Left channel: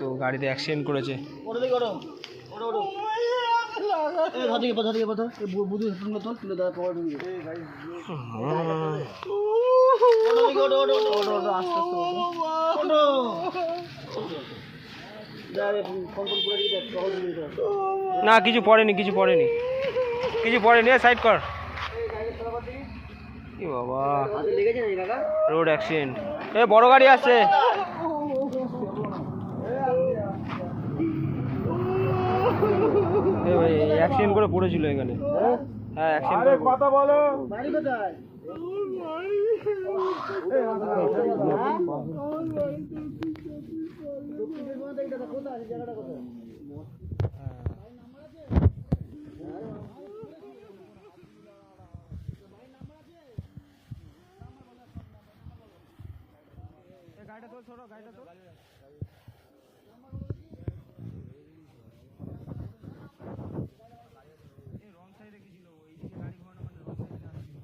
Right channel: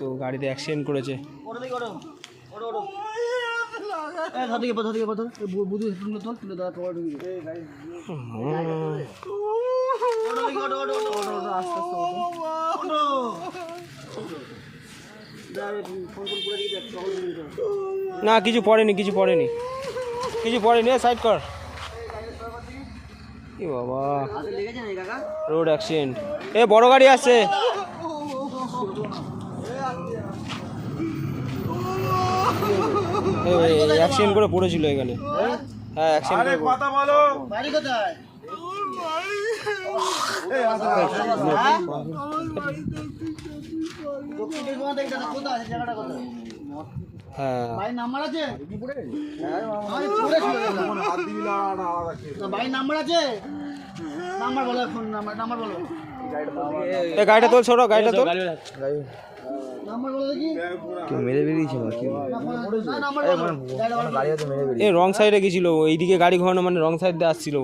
তো গাড়িতে অ্যাক্সিডেন্ট করেছে। না কিছু পড়েনি, কিছু পড়েনি, কিছু পড়েনি। সাইড কর। কি বাবা, রোড অ্যাক্সিডেন্ট। এ বড় গাড়ি আসছে। অ্যাক্সিডেন্ট করে পড়েছিল এখানে। হ্যাঁ অ্যাক্সিডেন্ট করে। কথা বলো, বাড়ি কোথায়? হ্যাঁ ভাই নাম্বার আছে? ভাই নাম্বার আছে? নাম্বার বলো, ফোন নাম্বার বলো। এই গাড়িটা তোল, ছোট গাড়িটা তোল। নাম্বার বলো দেখি। কি মেরে বেরিয়েছে নাকি? এ রং সাইডে গেছিল, এইদিকে গাড়ি ঘোরানো মানে রং সাইড দিয়ে আসছিল।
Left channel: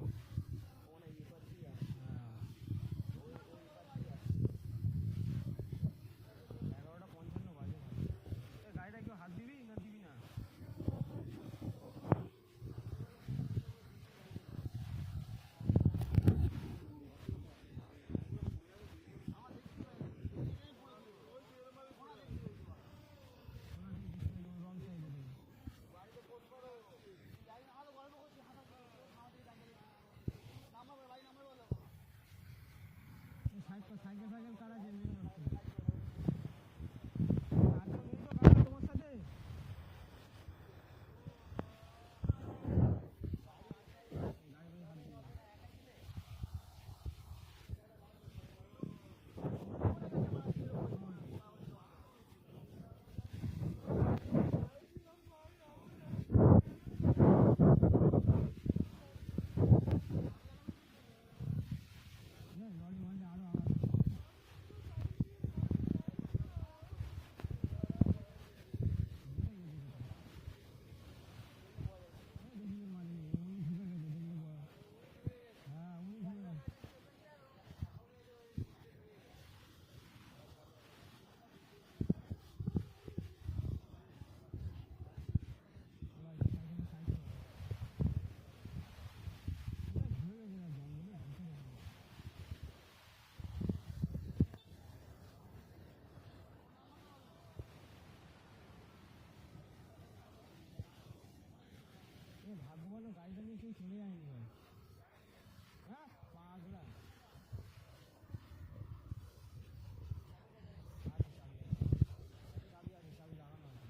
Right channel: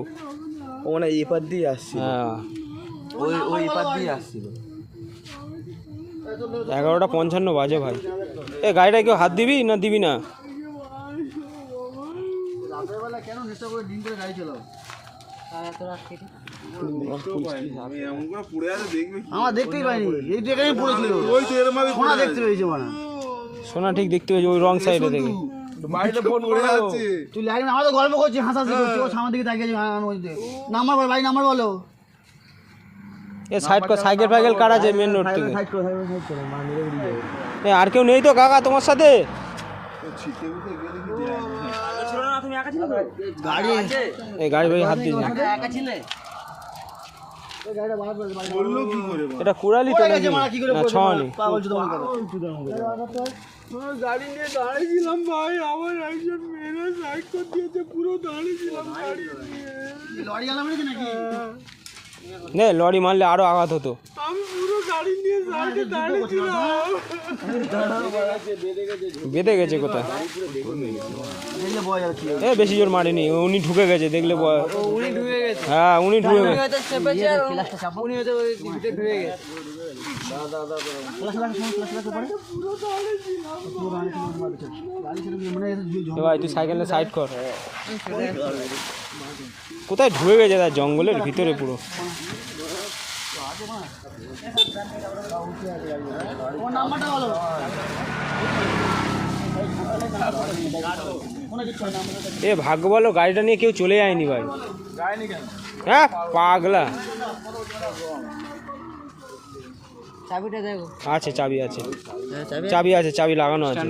ও মানে এই পার দিয়ে আসছিল। হ্যাঁ ওই পার দিয়ে আসছিল। 11:55 বাজে ভাই। এ গাড়িটা কেউ হাত দিবি না দিবি না? আমার দেখতেই পাইনি, এই জায়গায় পড়েছিল। সোনা দেখতে পেয়েছে মানে, সোনা ঠিক দেখতে পেয়েছে ওই রং সাইডে দেখে। তুই লাইন আমাদের গল্প করছিস, হাসাহাসি করছিস, ও সামনের দিকে তাকিয়ে নাম্বার বল ভাই, নাম্বার বলো। এ সাইড কর, সাইকেল ফাইকেল কার আছে মেন রোড থেকে? আর কেউ নেই তো কাকা তোমার সাথে? গাড়ি ভাই হাত দিস না। এটা কুড়ালি তো নাকি? না ছনি। গাড়ি নিয়ে দাঁড়িয়েছিলাম ভাই, আমার একজন মেরে সাইড করে দিয়েছে, পুরো দাঁড়িয়েছিলাম গাড়ি নিয়ে। লরি আলা মেরেছে নাকি? নে লরি মারলে আরো আঘাত হতো। আমি পুরো গাড়ি নিয়ে সাইডে দাঁড়িয়েছিলাম। বেঁধে গেছে কোথায়? এ বেশি জোর মারেনি, উনি ঢুকে গেছে দেখলে। উনি ঢুকে গেছে? হ্যাঁ উনি ঢুকে গেছে। ভাই তুই সাইকেল সাইড কর। কোথায় ঢুকে গেছে? তার জঙ্গলের ভিতরে পুরো। এ ভাগ্য বলো গাড়িটা নিয়ে কেউ চলে যায়নি ভাই। হ্যাঁ পাগলা। আছে চাবি আছে, চাবি আছে, চাবি লাগানো আছে।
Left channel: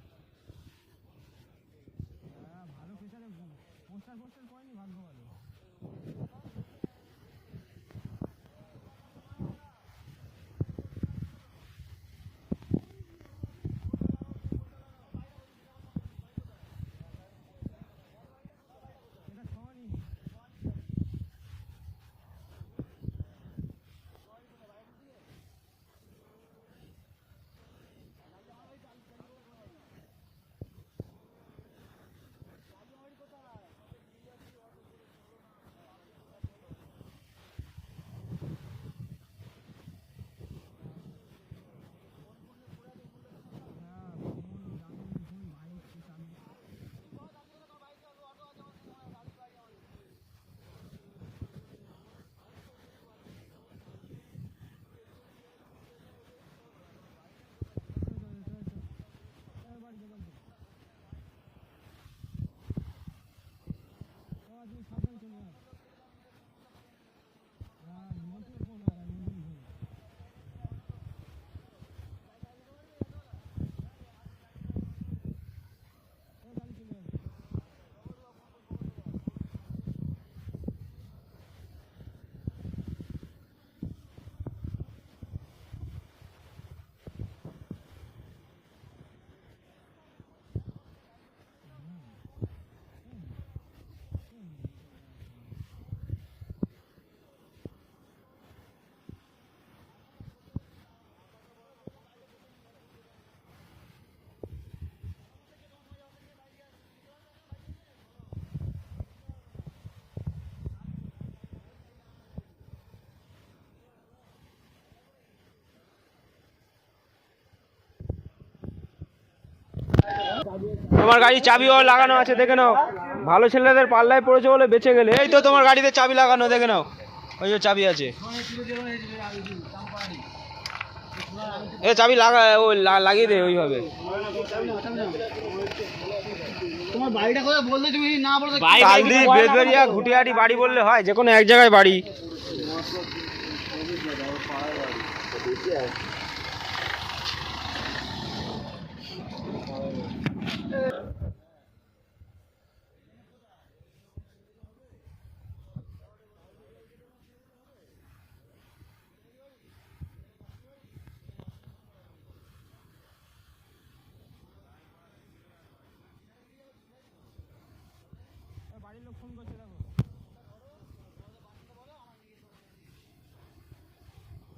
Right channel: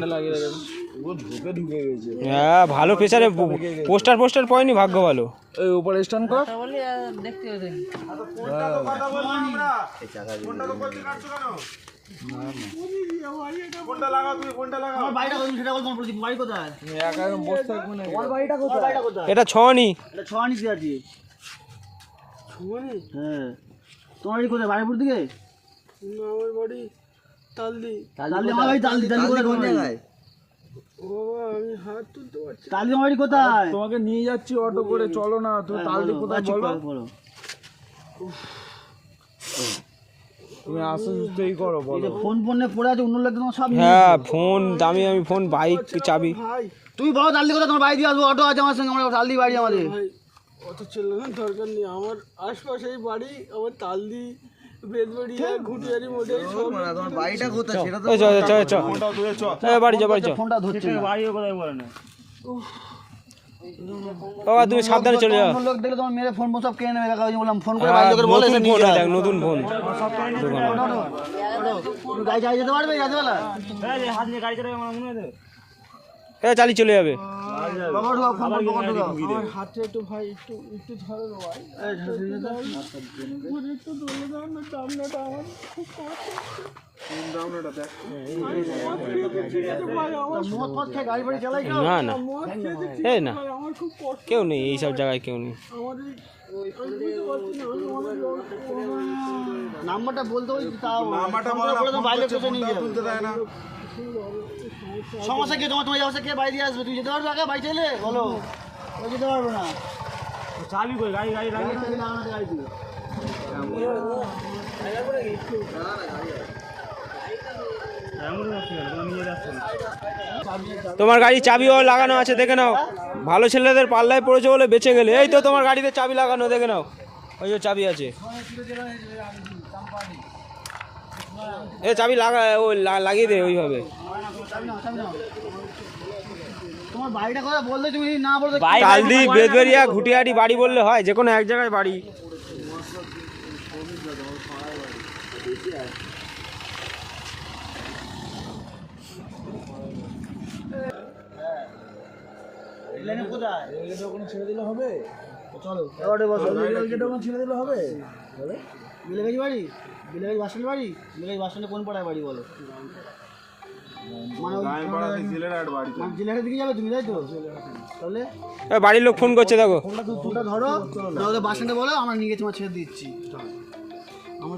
হ্যাঁ ভালো প্রেসারে পোস্টার পড়েনি, ভাগ্য ভালো। এই উপরে স্ট্যান্ড কর। এটা ছনি। তোমার বাড়ি কোথায়? বাড়িপুর দিকে? আমার বাড়ি তালদি। আমার বাড়ি তালদি। কোন জায়গায়? আমি হাত তুলতে পারছি। তালদি আমার বাড়ি কোথায়? তোমাকে নিয়ে যাচ্ছি অটো করে, চলো না। তুমি তালদি কোথায় বলো? তুমি আসতেই করো বলো। ফোন ফোনে পড়ে আছে, অন্য লোক তোমার সব। হ্যাঁ ফোন দামি আমি ফোন, বাইক, চাবি। তুই বলো তালদি কোথায়? তোমার বাড়ি দিয়ে আসবো, অটো আছে আমার সঙ্গে। আমরা তালদি বাড়ি আমাদের। অত চেল্লানোর দরকার নেই, আমার আশপাশেই বাড়ি। আমার তালদি, বেদবাড়িয়া, ঘুটিয়ারি মোড়ে সব। তোমার বাড়িটা কোথায় সেটা তো চল। ফোনটা ধরে চল। বাড়ি যা, বাড়ি যা। ফোনটা ধরছে না। বাড়ি কোথায় বলে না। বাবা তুমি সাবধানে চলে যাও। লোক দেখলে তোমার মেরে ফোন সব কেনে নেবে। কাকা বললাম ফোন করে বাড়ি লোকের বলে এসে নিয়ে যা। নতুন ফোন। গাড়ি চালিয়ে যেতে পারবে রাতবেলা? এই হাত নিয়ে গাড়ি চালাবে আমার মনে হয়। এ চালি চলে যাবে। বাবা ঢোকা ফোন বন্ধ করে দাও। আমার হাতে একটু ভাই একটু ধরে দাও ভাই। এই ধরে দাও। পুরো একটু ধরে দাও না, সামনেটা আমার খুব কষ্ট। দামটা দেখ। মদ মদ খেয়ে গাড়ি বাড়ি চালাই কেউ? না না এই না, কেউ নেই এইসব জায়গায়, কেউ নেই। নাম্বারটা বলতে ওই তাও নাম্বারটা বলে বাইরে কোথাও নিয়ে যাবে, তুলতে দেয় না। সমস্যা কি তোমার? তোমার যাওয়া কে বাইরে দিয়ে আসবে? তুই যেতে পারবে আগে বাইরে চাইলে বলো? ওই যেতে পারবো না। চাবি কই? গাড়ি লাগিয়ে লাগানো গাড়ি তুই। তোমার গাড়ি চাবিও লাগানো আছে, দেখে নাও। ভালো ছেলেদের পাল্লায় পড়েছে বলে বেঁচে গেলে। এই তো তোমার গাড়িতে চাবি লাগানো, দেখে নাও, ওই যে চাবি আছে। এ চাবি লাগা, ওই লাগিয়ে দে ওইভাবে। কালদি, বেদবেরিয়া, ঘুটিয়াটি বাড়ি বললে হয়, যে কোনো এক জায়গায় বাড়ি। ছেড়ে দিলে হবে, চলো ছেড়ে দিলে হবে। বিলেগাছি বাড়ি, বিলেগাছি বাস স্ট্যান্ড বাড়ি, বিলেগাছি বাস স্ট্যান্ডে কোন পাড়ায় বাড়ি বলো? মানে জিলেহাটের দিকে যাবে তুমি, তাই তো? তাহলে বাড়ির লোক ফোন করছে, দেখো। ফোনটা ধরো, বাস স্ট্যান্ডে বলো আমরা নিয়ে গেছি, আমার ছেড়ে দিচ্ছি। আমার